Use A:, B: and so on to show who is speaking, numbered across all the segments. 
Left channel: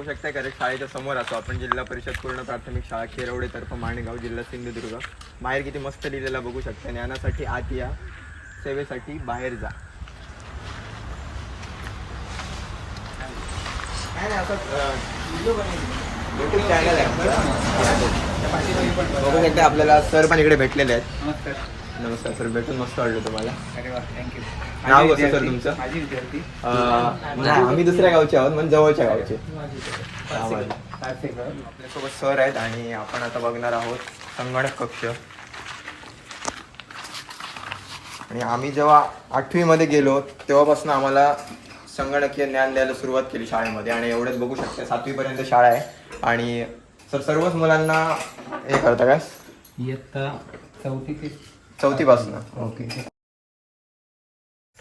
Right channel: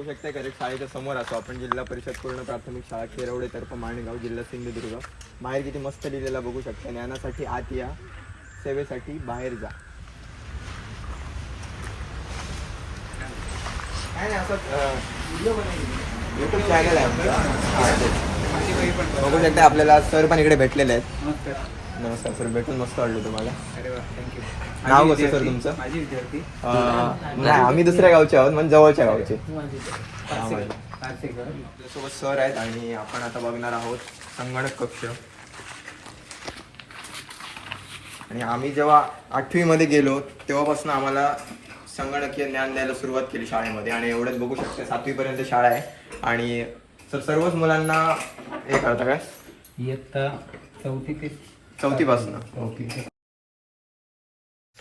A: बघू शकते कारण शाळेच्या समोर असतो आपण जिल्हा परिषद पूर्ण प्राथमिक शाळा खेरवडे तर्फ माणगाव जिल्हा सिंधुदुर्ग. बाहेर किती मस्त लिहिलेला बघू शकता. ज्ञानासाठी आत या सेवेसाठी बाहेर जा. काय नाही युट्यूब चॅनल आहे बघू शकता आपल्याला सर पण इकडे भेटलेले आहेत. नमस्कार सर भेटून मस्त वाटलं तुम्हाला.
B: अरे वा थँक्यू
A: नाव कसं सर तुमचं?
B: माझी विद्यार्थी.
A: अं, नाही आम्ही दुसऱ्या गावचे आहोत म्हणजे जवळच्या गावचे. आपल्यासोबत सर आहेत आणि आपण आता बघणार आहोत संगणक कक्ष. आणि आम्ही जेव्हा आठवीमध्ये गेलो तेव्हापासून आम्हाला संगणकीय ज्ञान द्यायला सुरुवात केली शाळेमध्ये. आणि एवढंच बघू शकता सातवीपर्यंत शाळा आहे. आणि सर सर्वच मुलांना हे करता काय
B: इयत्ता चौथी ते चौथी ते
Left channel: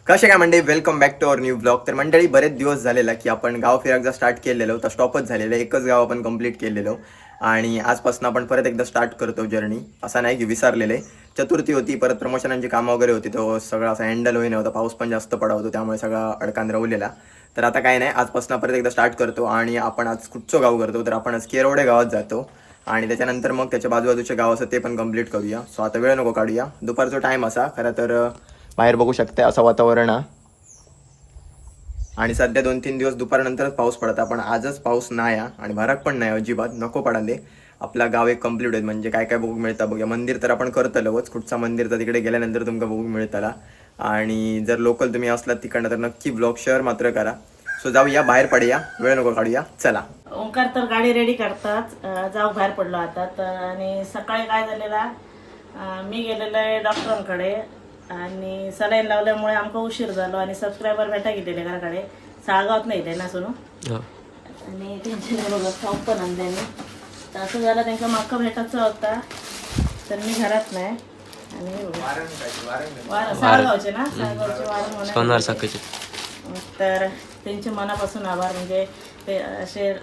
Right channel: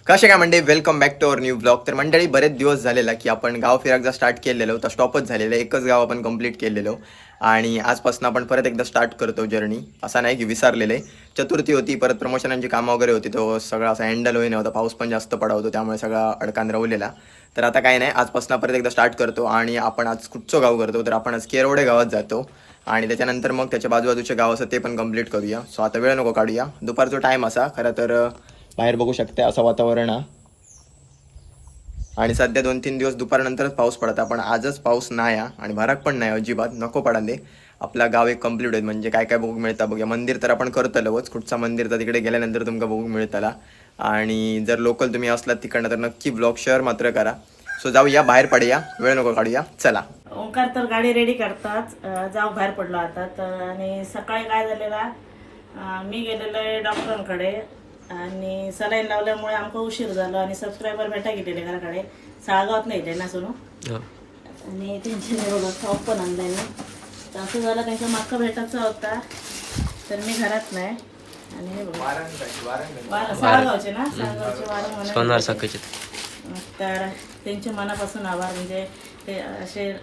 A: कसे काय मंडळी welcome back to our new blog तर मंडळी बरेच दिवस झालेला की आपण गाव फिराकचा स्टार्ट केलेलो तर स्टॉपच झालेलं एकच गाव आपण कंप्लीट केलेलो. आणि आजपासून आपण परत एकदा स्टार्ट करतो जर्नी असा नाही की विसरलेले चतुर्थी होती परत प्रमोशनांची कामं वगैरे होती तो सगळा असा हँडल होई नव्हता पाऊस पण जास्त पडा होतो त्यामुळे सगळा अडकान राहलेला. तर आता काय नाही आजपासून परत एकदा स्टार्ट करतो. आणि आपण आज कुठचं गाव करतो? तर आपण आज केरवडे गावात जातो. आणि त्याच्यानंतर मग त्याच्या बाजूबाजूचे गाव असं ते पण कंप्लीट करूया. सो आता वेळ नको काढूया. दुपारचा टाईम असा खरं तर बाहेर बघू शकते असं वातावरण आहे. आणि सध्या दोन तीन दिवस दुपारनंतरच पाऊस पडता पण आजच पाऊस नाही आहे आणि भराक पण नाही अजिबात. नको पडाले आपला गाव एक कंप्लीट आहे. म्हणजे काय काय बघू मिळतं बघूया. मंदिर तर आपण करतलोच कुठचा मंदिर तर तिकडे गेल्यानंतर तुमका बघू मिळतला. आणि जर लोकल तुम्ही असलात तिकडनं तर नक्की ब्लॉग शेअर मात्र करा. सो जाऊया बाहेर पडूया. वेळ नको काढूया. चला.
C: ओंकार तर गाडी रेडी करतात. जाऊ बाहेर पडलो आता. तर आणि सकाळी काय झालेला? मी गेलेलो आहे डॉक्टरांकडे. आणि सलाईन लावल्यामुळे आमका उशीर झालो आणि सबस्क्रायबर भेटा गेलेले घराकडे साळगावात नाही ते ना सुनू? आणि त्यांचे हे बघा पण आणले मी. तर असं झालं त्यांचा मागका भेटायचा होता. तर मी घरात नाही. आणि साळगावचे ना? साळगावचे वारण होण्या तर त्यांचे मनापासून आभार. म्हणजे ते असे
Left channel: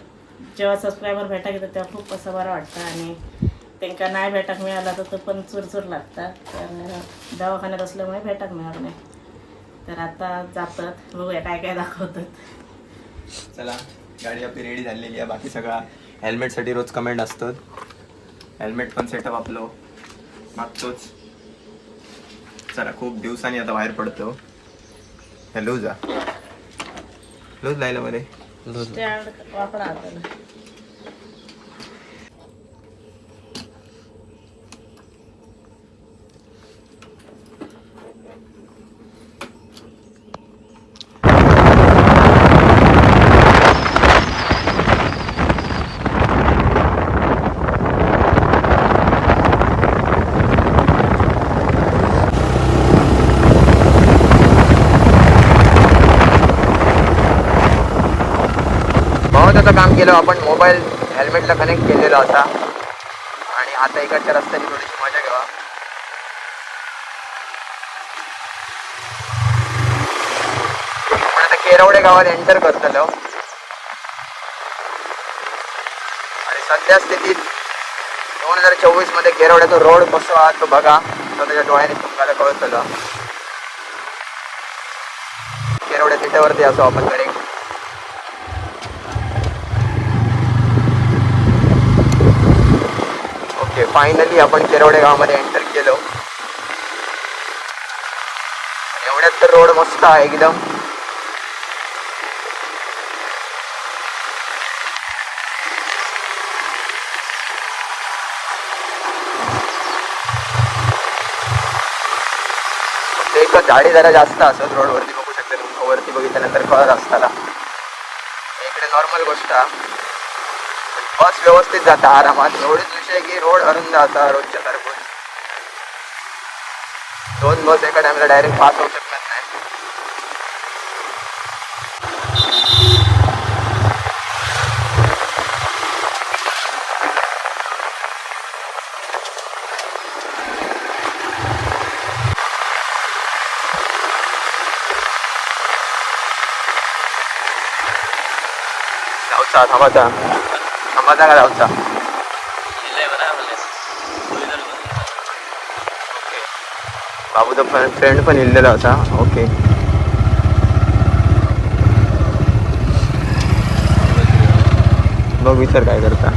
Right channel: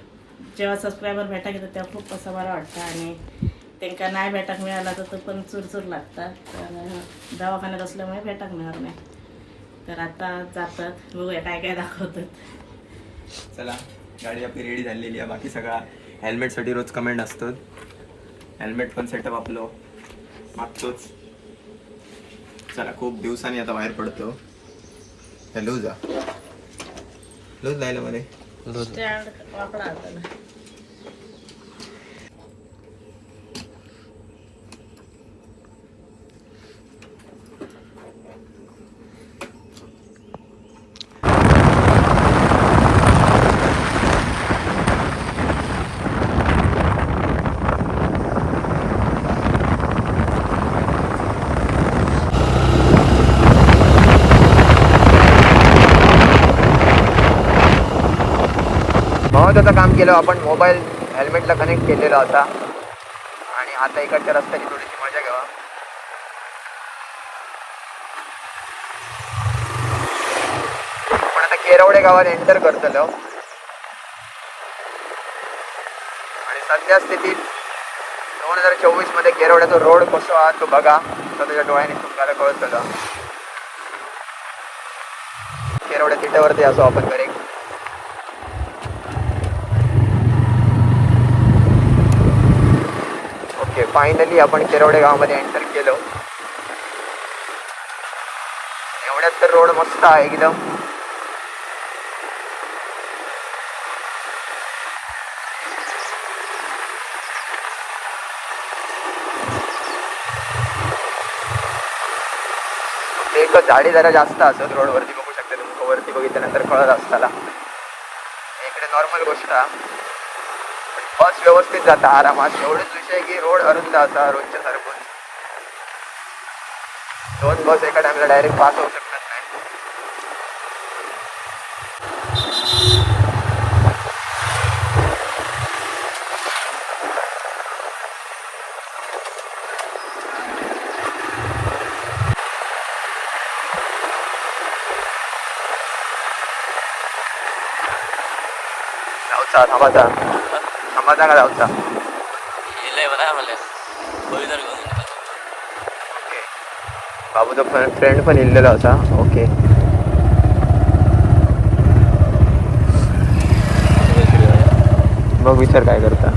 C: जेव्हा सबस्क्रायबर भेटा घेतात तेव्हा खूप असं बरं वाटतं. आणि त्यांना नाही भेटाक मिळाला तर तो पण चुरचूर लागतात. तर दवाखान्यात असल्यामुळे भेटाक मिळणार नाही. तर आता जातात. बघूया काय काय दाखवतात.
A: चला गाडी आपली रेडी झालेली आहे. बाकी सगळा हेल्मेटसाठी रोज कमेंट असतात. हेल्मेट पण सेटअप आपलं मागतोच चला खूप दिवसांनी आता बाहेर पडतो हॅलो जा लूज लायला मध्ये
C: स्टँड वाकडा आता
A: काम केलं आपण मोबाईल हेल्मेटला कनेक्ट केलेला होता आणि आता इकडच्या रस्त्याची थोडीशी मजा घ्यावा. आपण आता केरवडे गावात एंटर करतलो. आणि सध्या स्थितीत दोन हजार चोवीसमध्ये केरवड्याचा रोड कसो आहात तो बघा. तो त्याच्या डोळ्याने तुम्हाला कळतलो. केरवड्या तिट्यावरती असो आपण करेक्ट ओके फायनली आपण केरवडे गावामध्ये एंटर केलो. एवढ्यात तर रोड मस्त आहे एकदम. एक झाडी जरा जास्त असत रोड वरती बघू शकता तुम्ही. वरती बघितल्यानंतर कळत असताना इकडे नॉर्मल गोष्ट. आहे. बस व्यवस्थित जाता आरामात. एवढेच विषय की रोड अरुंद जाता रोजच्या सारखं दोन बस एका टाइमला डायरेक्ट पास होऊ शकणार नाही. जाऊचा का जाऊचा ओके. बाबूचा फ्रेंड पण इल्लेला होता. ओके. बघ विचार काय करता.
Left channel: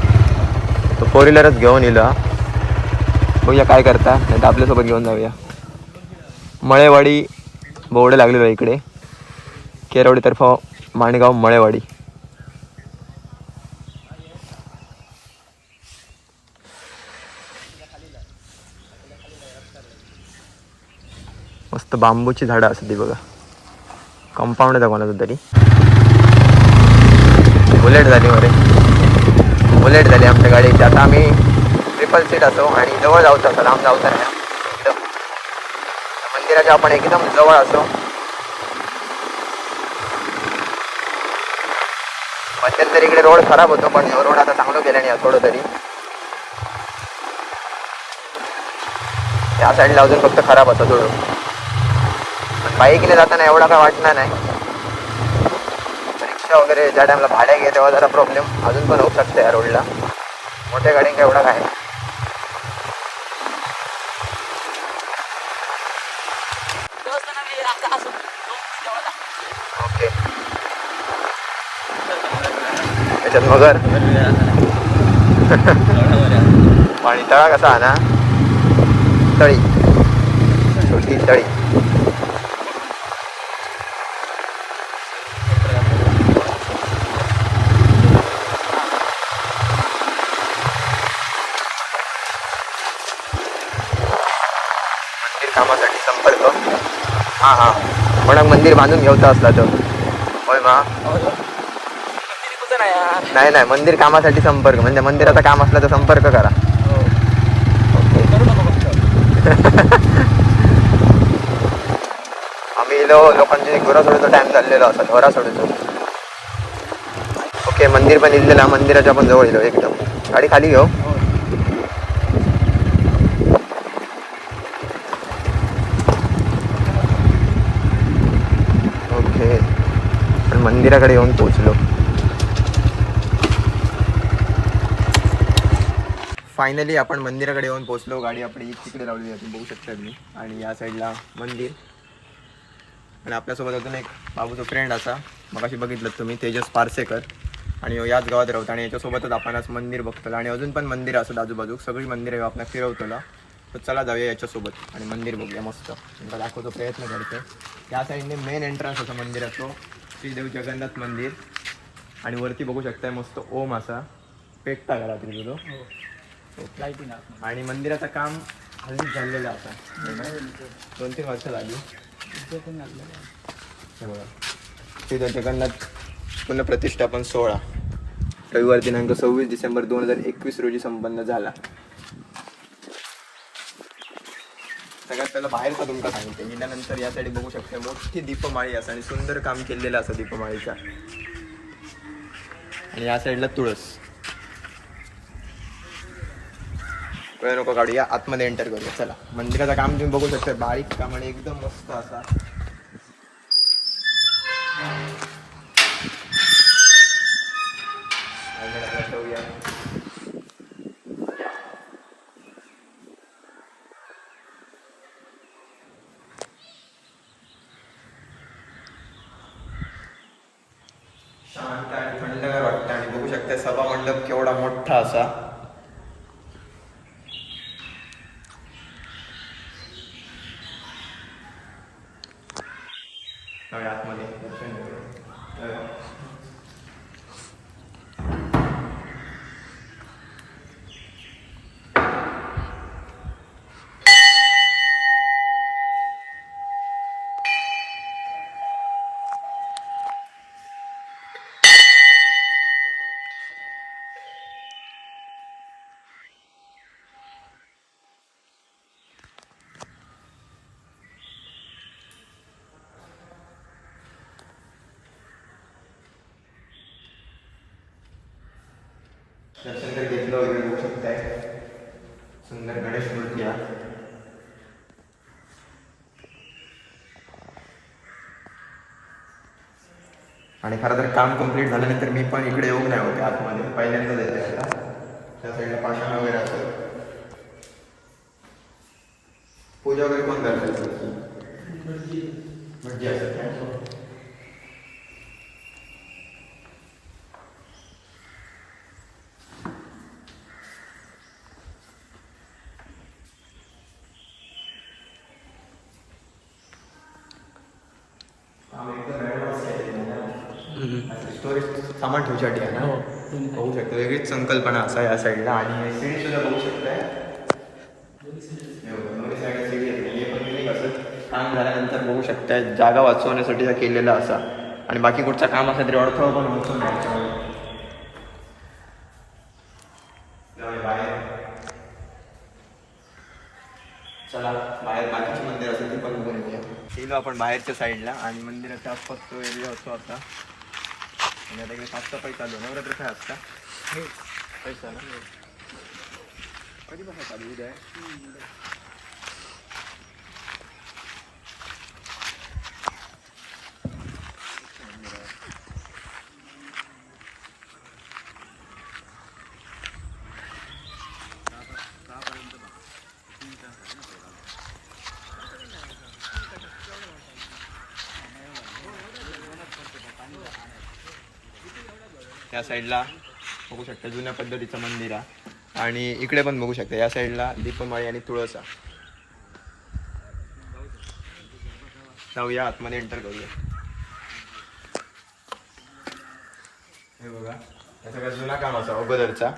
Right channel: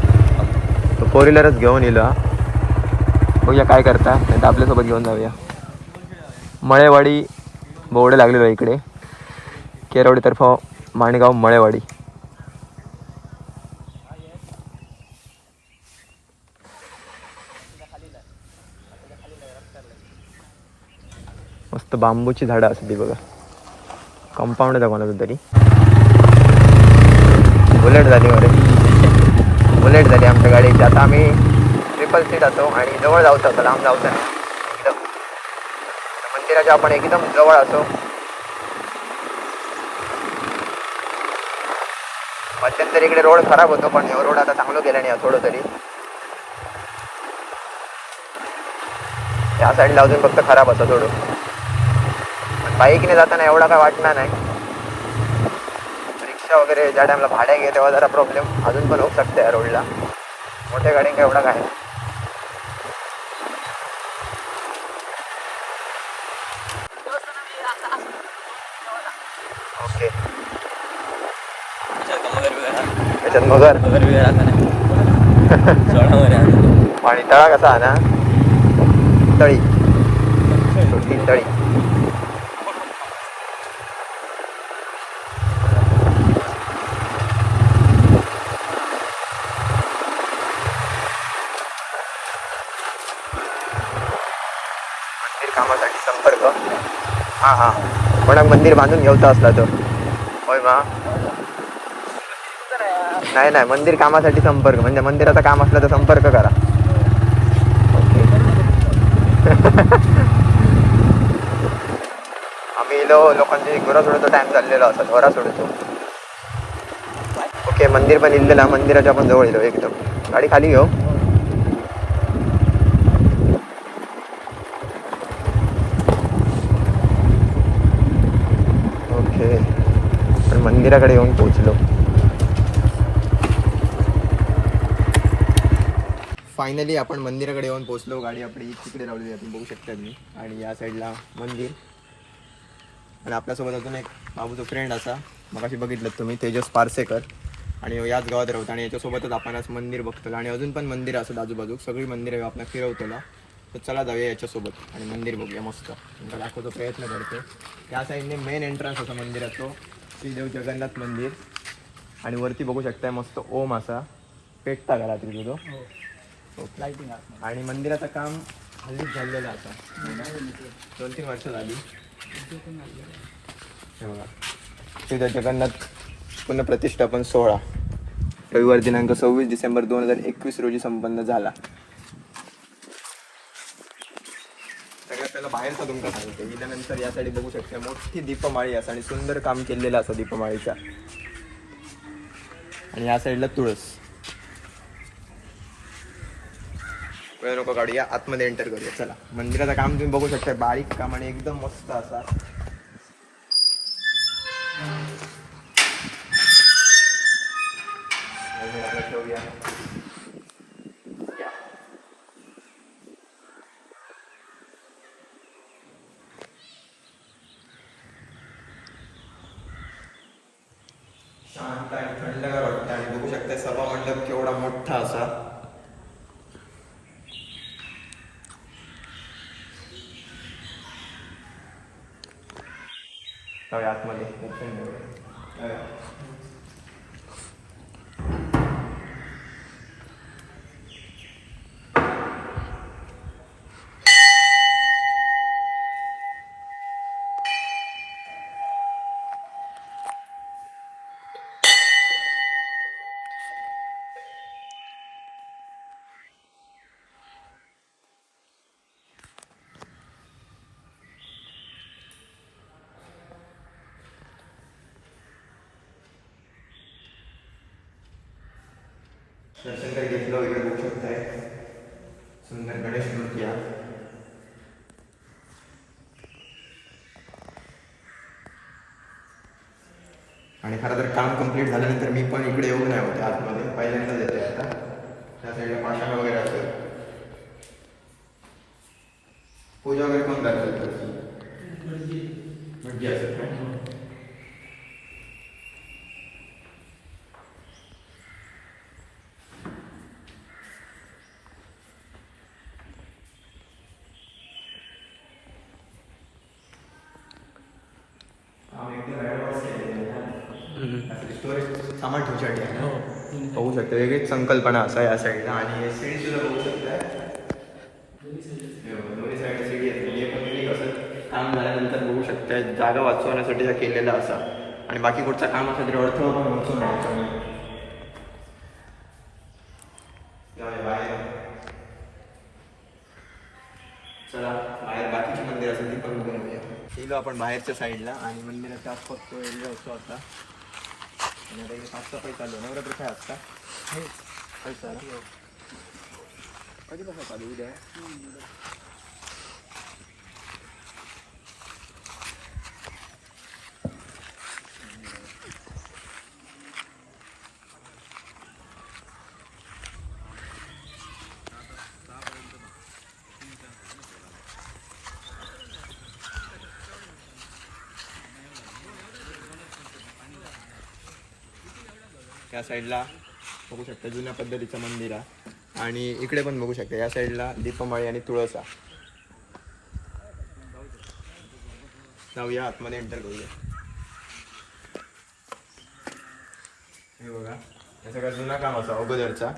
A: तो फोर व्हीलरच घेऊन येलो हा. बघूया काय करता. नाही तर आपल्यासोबत घेऊन जाऊया. मळेवाडी बोर्ड लागलेलो इकडे. केरवडीतर्फ माणगाव मळेवाडी. मस्त बांबूची झाडं असते बघा. कंपाऊंड आहे कोणाचं तरी. बुलेट झाली मरे बुलेट झाली आमच्या गाडीची. आता आम्ही ट्रिपल सीट असो आणि जवळ जाऊचं असं लांब जाऊचं नाही. एकदम. मंदिराच्या आपण एकदम जवळ असो मध्यंतरी इकडे रोड खराब होतो पण रोड आता चांगलं केलं नाही थोडं तरी. या साईडला अजून फक्त खराब असं थोडं. बाईकने जाताना एवढा काय वाटणार नाही. रिक्षा वगैरे ज्या टाईमला भाड्या घे तेव्हा जरा प्रॉब्लेम अजून पण होऊ शकते या रोडला मोठ्या गाड्यांका एवढा काय? नाही. ओके. त्याच्यात मगर. पाणी तळा कसा आहे ना तळी. छोटी तळी मंदिर कामासाठी संपर्क हा हा. कोणाक मंदिर बांधून घेवता असला तर होय मा. नाही नाही मंदिर कामासाठी संपर्क. म्हणजे मंदिराचा काम असलं तर संपर्क करा. ओके. आम्ही इलो लोकांचे गुरा सोडतो टाइम चाललेलो असा घरा सोडतो ओके मंदिर पण इल्लेला मंदिराच्या पण जवळ इलो एकदम. गाडी खाली घेऊ ओके पण मंदिराकडे येऊन पोहोचलो. फायनली आपण मंदिराकडे येऊन पोहोचलो. गाडी आपली तिकडे लावलेली तुम्ही बघू शकता तुम्ही. आणि या साईडला मंदिर. आणि आपल्यासोबत अजून एक बाबूचा फ्रेंड असा. मग अशी बघितलं तुम्ही तेजस पारसेकर. आणि याच गावात राहतो आणि याच्यासोबतच आपण आज मंदिर बघतो आणि अजून पण मंदिर असत आजूबाजू सगळी मंदिरं आपण फिरवतोला. तर चला जाऊया याच्यासोबत आणि मंदिर बघूया मस्त. दाखवतो प्रयत्न करते या साईडने मेन एंट्रन्स असा असतो श्रीदेव जगन्नाथ मंदिर. आणि वरती बघू शकता मस्त ओम असा. पेटता घरा तुझं. तो
B: लाईटिंग
A: आणि मंदिराचं काम हल्लीच झालेलं आता. दोन तीन वर्ष झाली हे श्रीदेव जगन्नाथ पुनःप्रतिष्ठापन सोहळा. रविवार दिनांक सव्वीस डिसेंबर दोन हजार एकवीस रोजी संपन्न झाला. सगळ्यात पहिला बाहेरचा तुमका सांगते. गेल्यानंतर या साईड बघू शकते. मोठी दीपमाळी असा आणि सुंदर काम केलेलं असं दीपमाळीचा. आणि या साईडला तुळस. वेळ नको काढूया. आतमध्ये एंटर करूया. चला. मंदिराचं काम तुम्ही बघू शकता. बारीक काम आणि एकदम मस्त असा. दर्शन तर घेतलं वगैरे बघू शकताय. सुंदर गणेश मूर्ती हा. आणि खरं तर काम कंप्लीट झाल्यानंतर मी पण इकडे येऊ नाही होते आतमध्ये. पहिल्यांदाच येते आता. त्या साईडला पाषाण वगैरे असेल. पूजा वगैरे कोण करते? म्हणजे असेल सामान ठेवण्यासाठी आहे
B: हो
A: ना होऊ शकते वेगळीच संकल्पना असा या साईडला आणि सीडी सुद्धा बघू शकताय. दोन्ही साईडला सीडी काम झाल्यानंतर बघू शकताय. जागा वाचवण्यासाठी केलेला असा. आणि बाकी कुठचं काम असेल तरी अडथळा पण वाचून नाही चला बाहेर बाकीची मंदिर असेल ती पण बघून येऊया. गेलो आपण बाहेरच्या साईडला आणि मंदिराच्या आसपास तो एरिया असतो आता. आणि आता इकडे साफसफाई चालू आहे. नवरात्र काय असता? काय चालू आहे? कधीपासून चालू उद्या आहे? या साईडला बघू शकता जुन्या पद्धतीचं मंदिर आहे आणि इकडे पण बघू शकता या साईडला दीपमाळी आणि तुळसा. जाऊया आतमध्ये एंटर करूया. हे बघा या सगळा जुना काम असा अगोदरचा.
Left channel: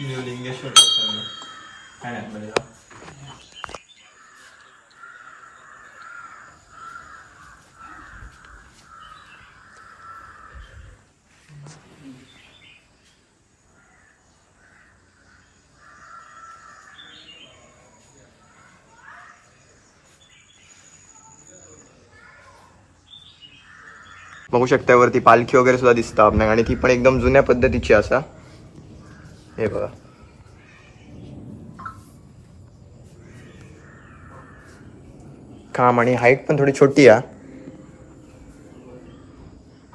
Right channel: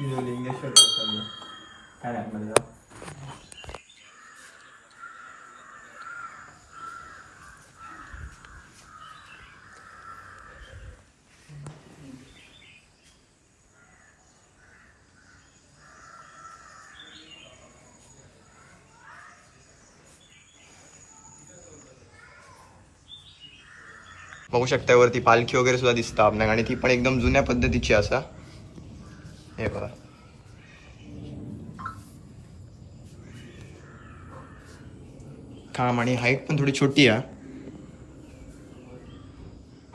A: लिंगेश्वर काय नाही बघू शकता वरती पालखी वगैरे सुद्धा दिसतं आपल्याला. आणि ती पण एकदम जुन्या पद्धतीची असा. हे बघा. काम आणि हाईट पण थोडी छोटी आहे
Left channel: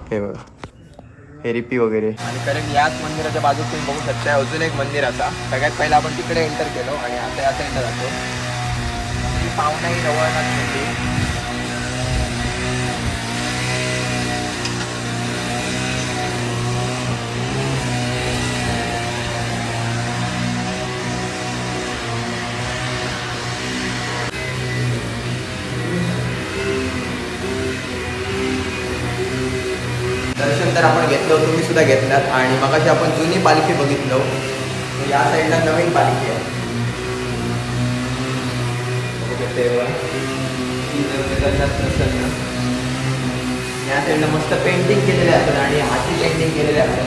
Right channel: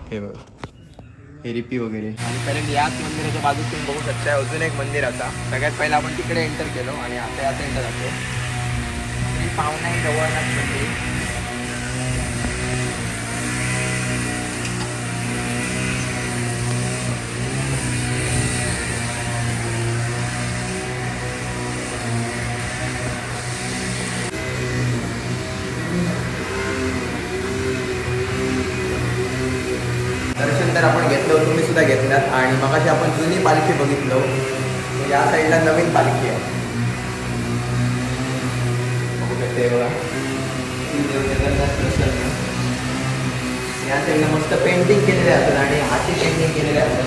A: हे बघा. हे रिपी वगैरे. आणि कारण याच मंदिराच्या बाजूत तुम्ही बघू शकता अजून एक मंदिर आता सगळ्यात पहिला आपण तिकडे एंटर केलो आणि आता याचा एंटर जातो ही पावनाई जवळनाथ मंदिर. नंतर तर आपण घेतलं तुम्ही सुद्धा घेतलात. आणि मगाशी आपण जुनी पालखी बघितलो. या साईडला नवीन पालखी आहे. या साईडला मस्त पेंटिंग केलेले असतात आणि हाती पेंटिंग केलेले असतात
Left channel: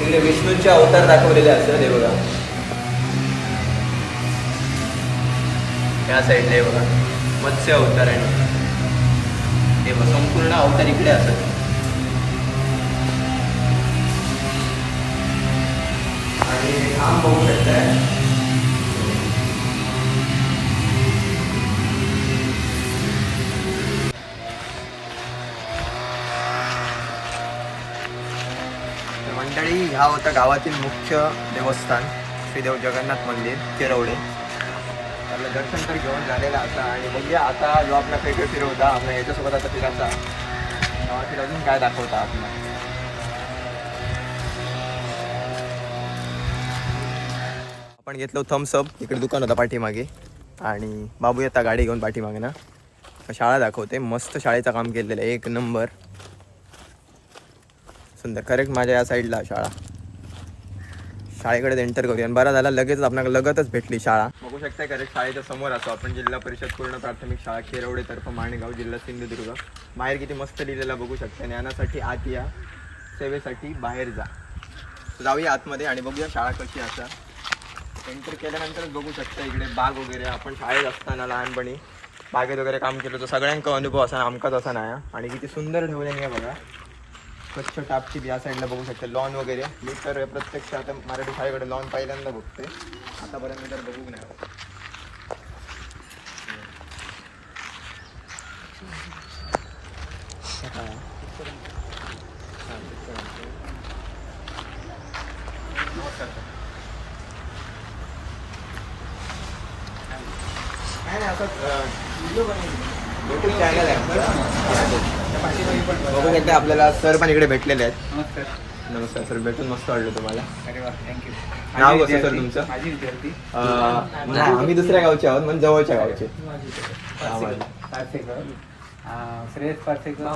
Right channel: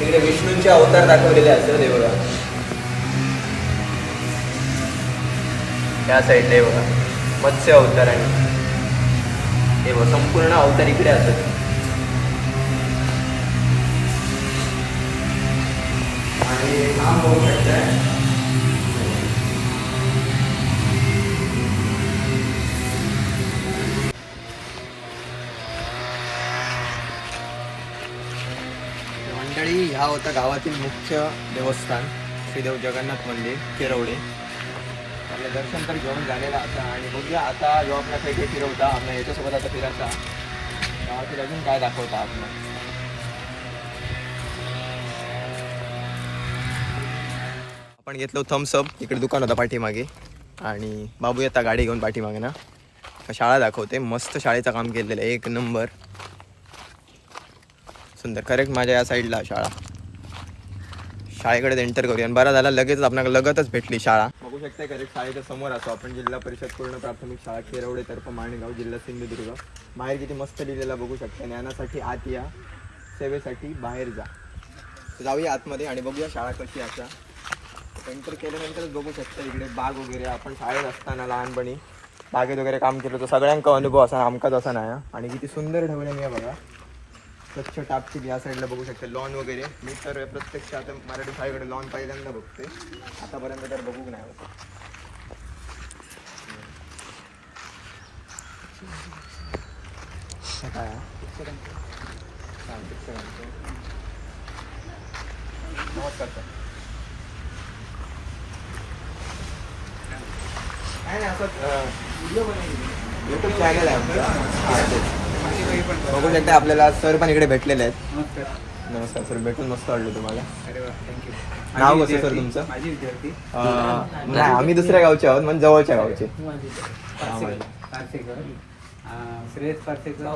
A: तिकडे विष्णूंचे अवतार दाखवलेले असतात हे बघा. या साईडला हे बघा. मत्स्य अवतार आणि देव संपूर्ण अवतार इकडे असत आणि काम बघू शकताय. मंडळी ह्या होता गावातील मुख्य देवस्थान श्रीदेव जगन्नाथ मंदिर केरवडे. आपलं दर्शन तर घेऊन झालेलं आता आणि बघूया आता जो आपला खेळ फिरवता आपल्या याच्यासोबत आता फिरायचा गावातील अजून काय दाखवता आपला? आपण घेतलो थम्सअप इकडे दुकान होता पाठीमागे. आणि बाबू येता गाडी घेऊन पाठीमागे ना. शाळा दाखवते मस्त शाळेचं काम केलेलं आहे. एक नंबर सुंदर करेक्ट माझ्या या साईडला शाळा. शाळेकडे एंटर करूया. आणि बरा झाला लगेच आपल्याला लगतच भेटली शाळा. बघू शकता करेक्ट शाळेच्या समोर असो. आपण जिल्हा परिषद पूर्ण प्राथमिक शाळा खेरवडे तर्फ माणगाव जिल्हा सिंधुदुर्ग. बाहेर किती मस्त लिहिलेलं बघू शकता ज्ञानासाठी आत या सेवेसाठी बाहेर जा. जाऊया आतमध्ये आणि बघूया शाळा कशी असा एंटर केल्यानंतरच बघू शकता इकडे बाग वगैरे. आपण शाळेत असताना लहानपणी बागेत वगैरे काम केलं तर सगळ्यांका अनुभव असा आमकाच असा नाही आणि किती सुंदर ठेवलं आहे बघा. स्वच्छ टापची या साईडला बघू शकते. लॉन वगैरे. मी तर प्रत्यक्ष आता मराठी शाळेकडे लॉन पहिल्यांदा बघतोय आतापर्यंत तर बघू नाही नाही असं युट्यूब चॅनल आहे. बघू शकता आपल्याला सर पण इकडे भेटलेले आहेत. नमस्कार. सर भेटून मस्त वाटलं तुम्हाला.
B: अरे वा थँक्यू
A: नाव कसं सर तुमचं?
B: माझी विद्यार्थी.
A: अं, नाही आम्ही दुसऱ्या गावचे आहोत म्हणजे जवळच्या गावचे. हा, माझे.
B: पारसेकर. अं, श्रेयस पारसेकर.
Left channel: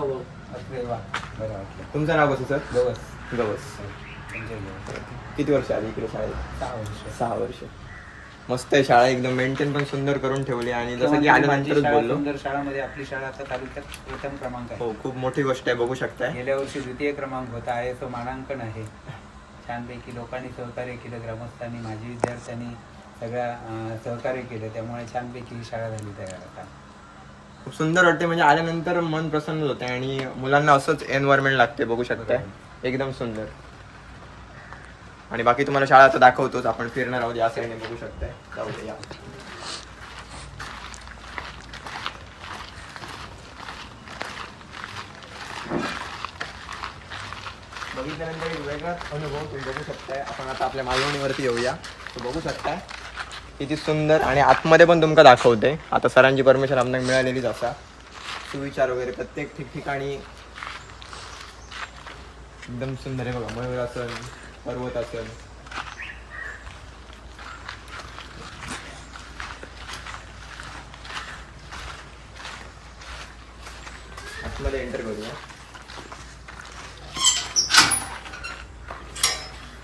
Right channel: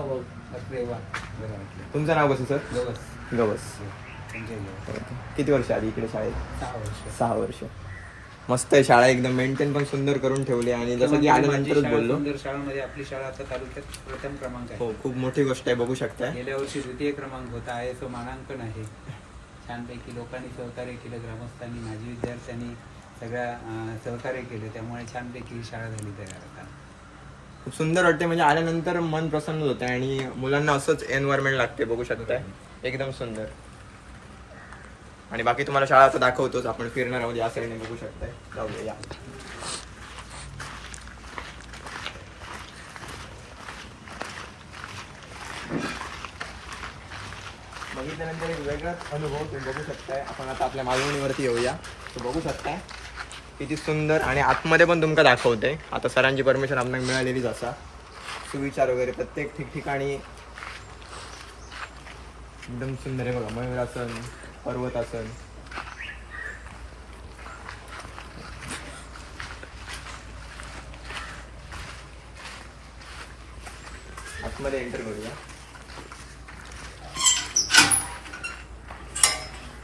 B: असले वा बरं वाटलं.
A: तुमचं नाव कसं सर?
B: गवस.
A: गवस.
B: संजय गवस.
A: किती वर्ष आली इकडे शाळेत?
B: सहा वर्ष.
A: सहा वर्ष. मस्त आहे शाळा एकदम. मेंटेन पण सुंदर करून ठेवली आणि जसं की
B: माझी
A: आल्यानंतरच बोललो.
B: सुंदर शाळामध्ये आपली शाळा आता तालुक्यात प्रथम क्रमांक आहे.
A: हो खूप मोठी गोष्ट आहे बघू शकताय.
B: गेल्या वर्षी द्वितीय क्रमांक होता एस ओ मानांकन आहे. छानपैकी लोकांनी सहकार्य केलं ग्रामस्थांनी माजी विद्यार्थ्यांनी सगळ्या सहकार्य केलं. त्यामुळे छानपैकी ही शाळा झाली तयार आता.
A: खूप सुंदर वाटते म्हणजे आल्यानंतर मन प्रसन्न होतं आणि मुलांना असंच एन्व्हायरमेंट लागते बघू शकताय. एकदम सुंदर. आणि बाकी तुम्हाला शाळा आता दाखवतोच. आपण फिरणार आहोत या साईडने बघू शकताय. जाऊया बघितल्यानंतर एक वेगळाच अनुभव तुम्ही बघू शकताय. आपण आता आपल्या मालवणीवरती येऊया. तो बघू शकताय. किती सुंदर आणि आतमध्ये पण तुमका दाखवते. आता सरांची परमिशन आम्हाला मिळालेलीच असा सुविचार वगैरे प्रत्येक ठिकठिकाणी. एकदम सुंदर आहे बघा मयूरासन पर्वतासन आतमध्ये एंटर करूया.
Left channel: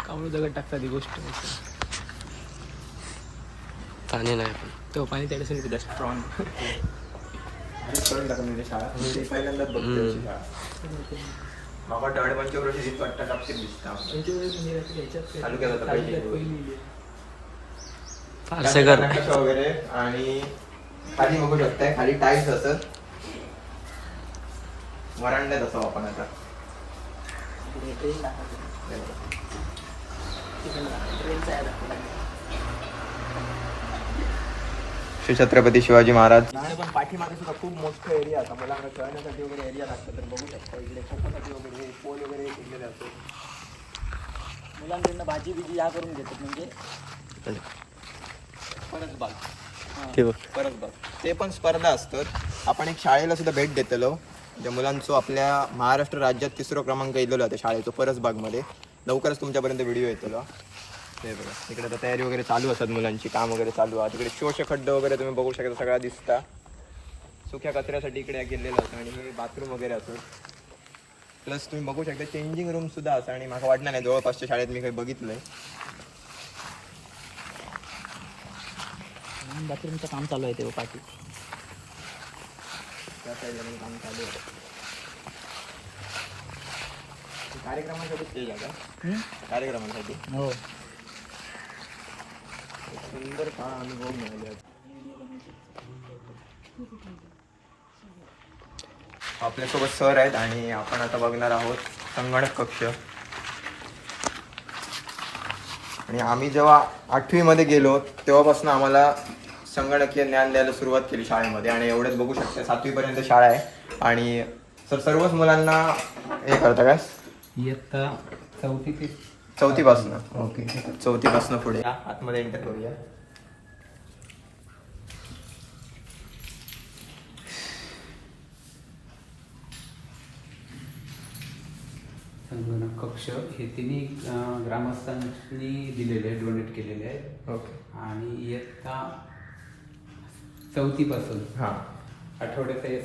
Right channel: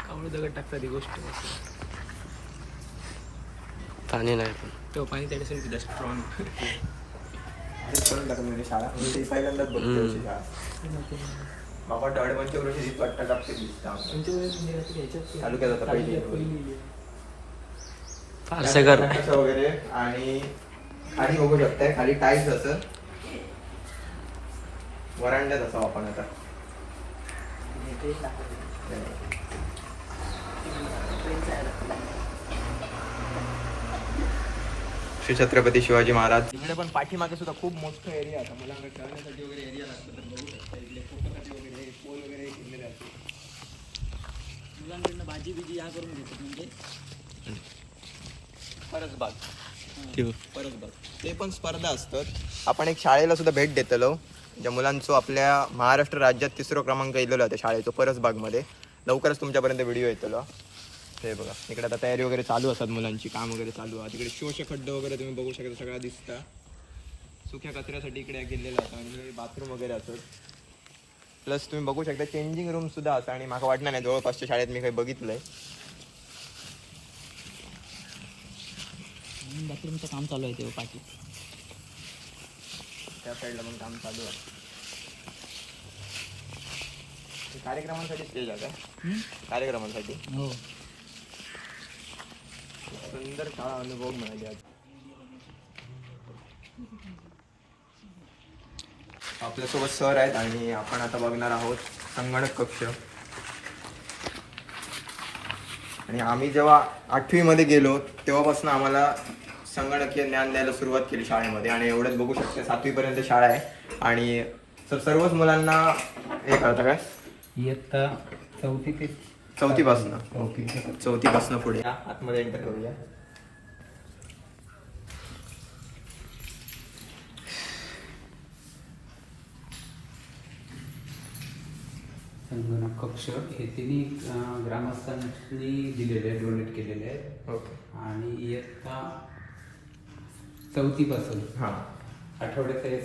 D: त्यामुळे दगड टाकतात ही गोष्ट.
E: पाणी नाही पण
D: तो पाणी त्याच्यासाठी सुद्धा स्ट्रॉंग
A: करून टाकून शाळा. मी ती पहिल्यांदाच बघते शाळा. बाबा डळवणच्या वरून ही पट्टा टाकते दिसता तालुक्यात आता पहिली.
E: पारसेकर
A: नकाशा वगैरे आणि खाली बघू शकताय खाली टाईल्स असत वरांड्यात असं आपण आता श्री छत्रपती शिवाजी महाराज. इकडे पण पाठीमागे सुद्धा खूप मोठं एरिया आता मला खेळण्यासाठी वगैरे एरिया लागतं तर बघू शकता. इकडे कोकोसाठी वगैरे पोल वगैरे केलेले असतात.
D: मुलांकडनं भाजी बिजी या करून घेतात म्हणजे? परसबाग
E: ठीक
A: परत बघ. ते पण स्पर्धा असतात. आपण एक शाळेला सुद्धा भेट देतलो. ज्या मुलांचो आपल्या महाराष्ट्र राज्यात तिसरो क्रमांक येलेलो होता शाळेचो परसबागमध्ये लवकरच तुमच्यापर्यंत व्हिडिओ येतलो. हे बघा. इकडे आता तयारी वगैरे चालू असतात मुलांची काम वगैरे चालू आहे तिकडे शोष खड्ड वगैरे तुम्ही बघू शकता सगळा दिसता. सुक्या कचऱ्यासाठी इकडे गेलेलं असतं आणि हे बाथरूम वगैरे असो प्लस तुम्ही बघू शकता चेंजिंग रूम सुद्धा असं आणि मला वाटणार नाही जवळपासच्या शाळेत मी काही बघितलंय.
D: बाथरूमचं काम चालू आहे ते पाठी
A: त्या साईडला पण काम चालू आहे. हे कार्यक्रमांसाठी स्टेज आहे कार्यक्रमांसाठी?
D: हो.
A: सुंदर काळा अनुभव मिळाले आपल्यासोबत सर आहेत आणि आपण आता बघणार आहोत संगणक कक्ष. आणि आम्ही जेव्हा आठवीमध्ये गेलो तेव्हापासून आम्हाला संगणकीय ज्ञान द्यायला सुरुवात केली शाळेमध्ये. आणि एवढंच बघू शकते सातवीपर्यंत शाळा आहे. आणि सर सर्वच मुलांना हे करता काय
B: इयत्ता चौथी ते
A: चौथीपासून.
B: ओके.
A: चौथीपासून पुढे. या, आतमध्ये एंटर करूया.
B: संगणक कक्ष हे तिन्ही अं, ग्रामस्थांनी दिलेले आहेत डोनेट केलेले आहेत.
A: ओके.
B: आणि इयत्ता चौथीपासून.
A: हा.
B: आठवड्याचं हे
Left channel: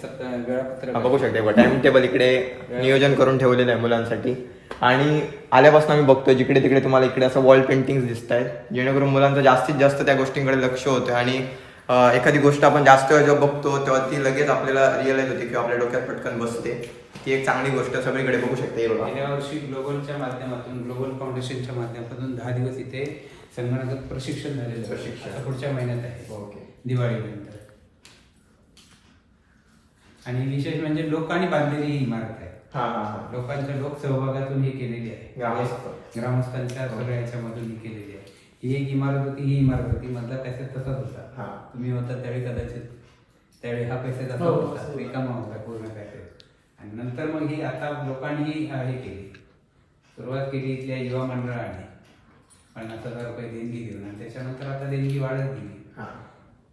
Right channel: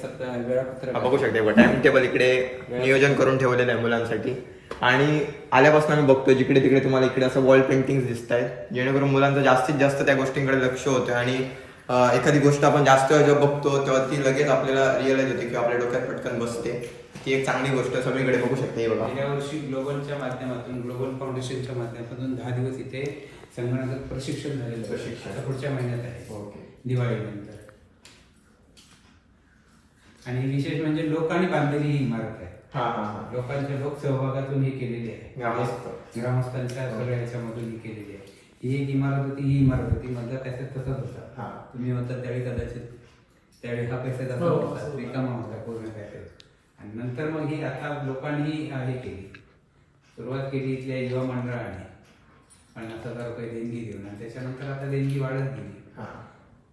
B: वेळापत्रक
A: हा, बघू शकते. टाइम टेबल इकडे नियोजन करून ठेवलेलं आहे मुलांसाठी. आणि आल्यापासून आम्ही बघतो जिकडे तिकडे तुम्हाला इकडे असं वॉल पेंटिंग दिसत आहेत जेणेकरून मुलांचं जास्तीत जास्त त्या गोष्टींकडे लक्ष होतं आणि एखादी गोष्ट आपण जास्त वेळ जेव्हा बघतो तेव्हा ती लगेच आपल्याला रिअलाइज होते किंवा आपल्या डोक्यात पटकन बसते. ती एक चांगली गोष्ट सगळीकडे बघू शकते
B: गेल्या वर्षी ग्लोबलच्या माध्यमातून ग्लोबल फाउंडेशनच्या माध्यमातून दहा दिवस इथे संगणकात प्रशिक्षण झालेलं.
A: प्रशिक्षण.
B: पुढच्या महिन्यात आहे.
A: ओके.
B: दिवाळीनंतर. आणि विशेष म्हणजे लोकांनी बांधलेली ही इमारत आहे. लोकांच्या लोकसहभागातून ही केलेली आहे.
A: ग्रामस्थ.
B: ग्रामस्थांच्या सगळ्या ह्याच्यामधून ही केलेली आहे. ही एक इमारत होती ही इमारत होती. मधला पॅसेज तसाच होता.
A: हा.
B: तुम्ही होता त्यावेळी कदाचित त्यावेळी हा पॅसेज असा होता. रिकामा होता पूर्ण पॅसेज आणि नंतर मग ही आता लोकांनी हे केली. सुरुवात केली इथल्या युवा मंडळाने. पन्नास हजार रुपये देणगी देऊन. आणि त्याच्यानंतर आता देणगी वाढत गेली.
A: हा.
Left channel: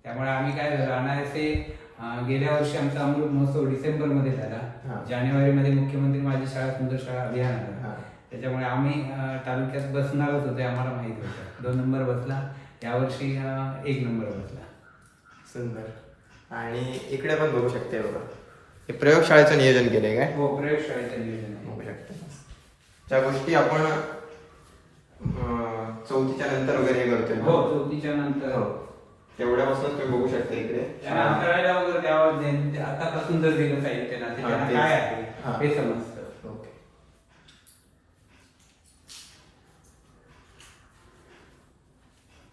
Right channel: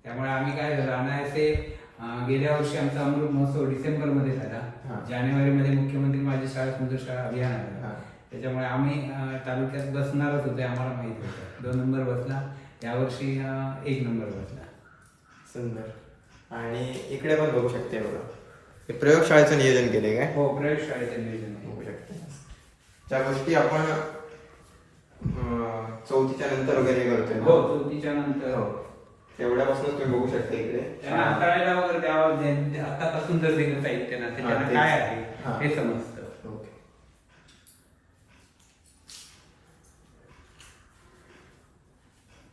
B: त्यामुळे आम्ही काय झालं अनायासे गेल्या वर्षी आमचा अमृत महोत्सव डिसेंबरमध्ये
A: हा.
B: झाला. जानेवारी मध्ये मुख्यमंत्री माझी शाळा सुंदर शाळा अभियान
A: हा.
B: आलं त्याच्यामुळे आम्ही तालुक्यात बसणारच होते आम्हाला माहीत होतं. दोन नंबर बसला यावर्षी एक नंबर बसला.
A: सुंदर. आणि इकडे पण बघू शकते बघा. हे प्रयोगशाळेचं नियोजन केले काय?
B: हो प्रयोगशाळेचं नियोजन आहे.
A: बघू शकते. त्या गोष्टी आपण चौथीच्या नंतर वगैरे करतोय?
B: हो चौथीच्या नंतर.
A: हो. तेवढ्यापासूनच तुम्ही बघू शकता इकडे.
B: त्यांना अंतराळाला वगैरे द्यावं जे- जे आतापासून जर दिलं साहित्य ना
A: हा,
B: त्याच्यात
A: तेच.
B: काय
A: हा.
B: आहे? हे. समजतं.
A: ओके.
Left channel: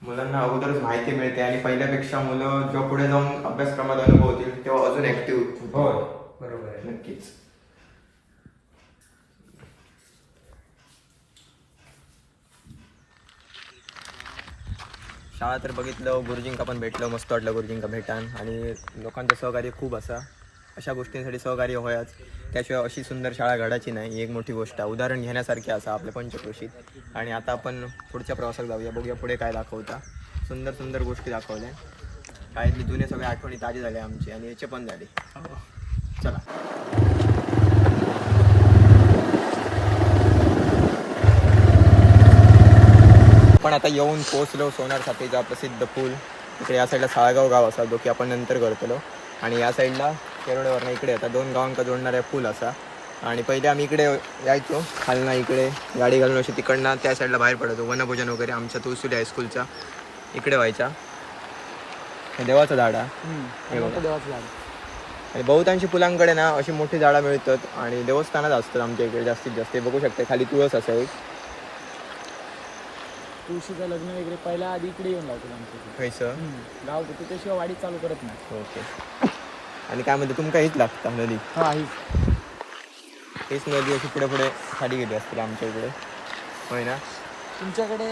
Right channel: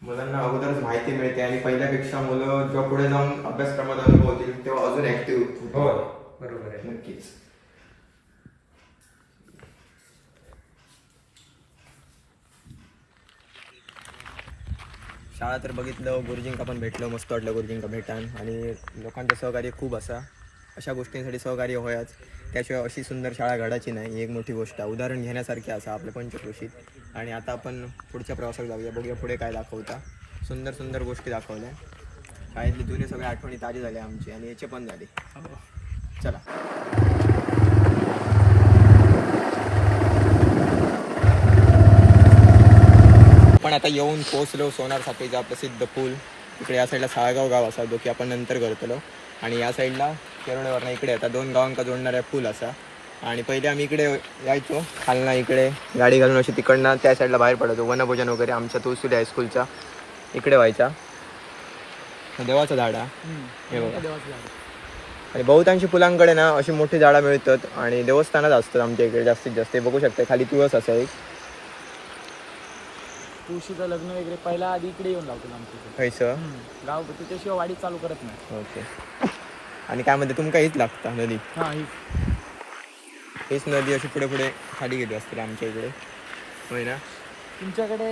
A: मुलांना अगोदरच माहिती मिळते आणि पहिल्यापेक्षा मुलं जेव्हा पुढे जाऊन अभ्यासक्रमात अनुभवतील तेव्हा अजून ऍक्टिव्ह
B: होय. बरोबर आहे.
A: नक्कीच. शाळा तर बघितलं गुरुजींका पण भेटलं मस्त वाटलं गुरुजींका भेटान. आणि लोकांचं सहकार्य खूप असा. अशा गोष्टींसाठी सहकार्य होयाच. त्याशिवाय अशी सुंदर शाळा घडायची नाही. ही एक मोठी गोष्ट. आहे उदाहरण घेण्यासारखी असा आपल्या पंचक्रोशीत आणि आता आपण पुढच्या प्रवासात जाऊया. बघूया पुढे काय दाखवता. सुंदर सुंदर गोष्टी दाखवल्या. शाळेतली जुने सगळे आठवणी ताजी झाल्या आमची. आणि याचे पण झाले. चला. आपण आता येऊन पोहोचलो सोनार साखळीचा प्रसिद्ध पूल. इकडे या साईडला साळगाव गाव असा जो की आपण नंतर करतलो. आणि या साईडला केरळवरनं इकडे येतात दोन गावांका जोडणाऱ्या पूल असा. आणि पहिले आम्ही इकडे यायचो खालना इकडे गाडी घालून अशी तिकडनं त्या साईडला बाहेर पडायचो. वनभोजन वगैरे आमच्या तुळसुली हायस्कूलचा इकडे व्हायचा. देवाचं झाड हा. बघा. आणि बहुतांशी फुलांकडे ना अशी मोठी झाडं मिळतात. आणि देवस्थानात असतात आमच्या इकडे जास्तीत जास्त. बघू शकता खाली तुळस असं एक.
D: तुळशीचं लग्न वगैरे पहिला आधी इकडे येऊन लावतो आमच्या हम्म. गाव होतं त्याशिवाय वाढीत चालू करत नाही.
A: ओके. आणि काय म्हणते तुमका हीच लागता नदी?
D: हा ही.
A: हीच नदी अशी पुढे पुढे खाली गेली असते आमच्या इकडे. होय ना?
D: तुमच्याकडे?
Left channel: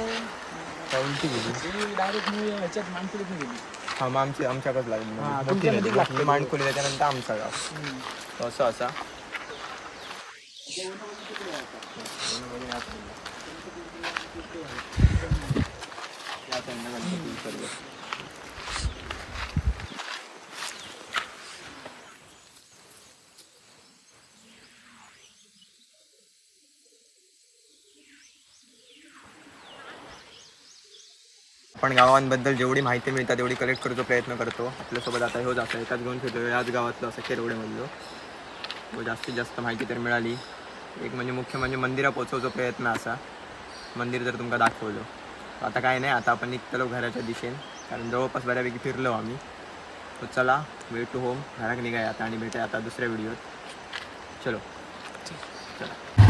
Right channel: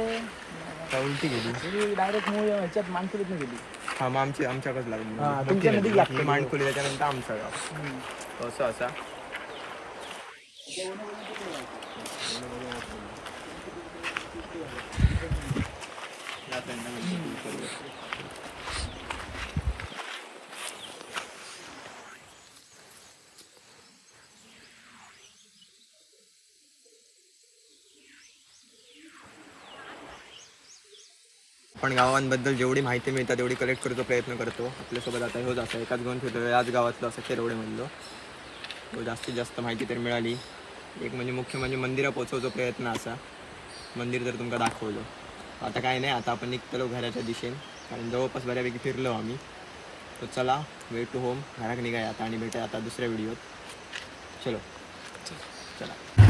A: उलटी गेली?
D: डायरेक्ट मूळ ह्याच्यात मानकुलीतून गेली.
A: हा मग आमची आमच्याकडे लागली.
D: हा, तुमच्या
A: नदी.
D: नदीत लागते.
A: ही मांडखोली त्याच्यानंतर आमचा गाव. असं असा. आपण गावांबद्दल जेवढी माहिती मिळतात तेवढी कलेक्ट करतो प्रयत्न करतो. आपल्यासोबत आता हो जास्त एकाच घेऊन ठेवतो याच गावातलं असं केरवडेमधलं जास्तीत जास्त माहिती तर मिळाली. एक म्हणजे मुख्य म्हणजे मंदिरा पोचवचा प्रयत्न असा. मंदिर जर तुमका दाखवलं. आता काय नाही आता आपण निघतलो घराच्या दिशेन. कारण जवळपास बऱ्यापैकी फिरलो आम्ही. तर चला वे टू होम घराक निघाय आता आणि भेटाय आता दुसऱ्या व्हिडिओत चलो. चला.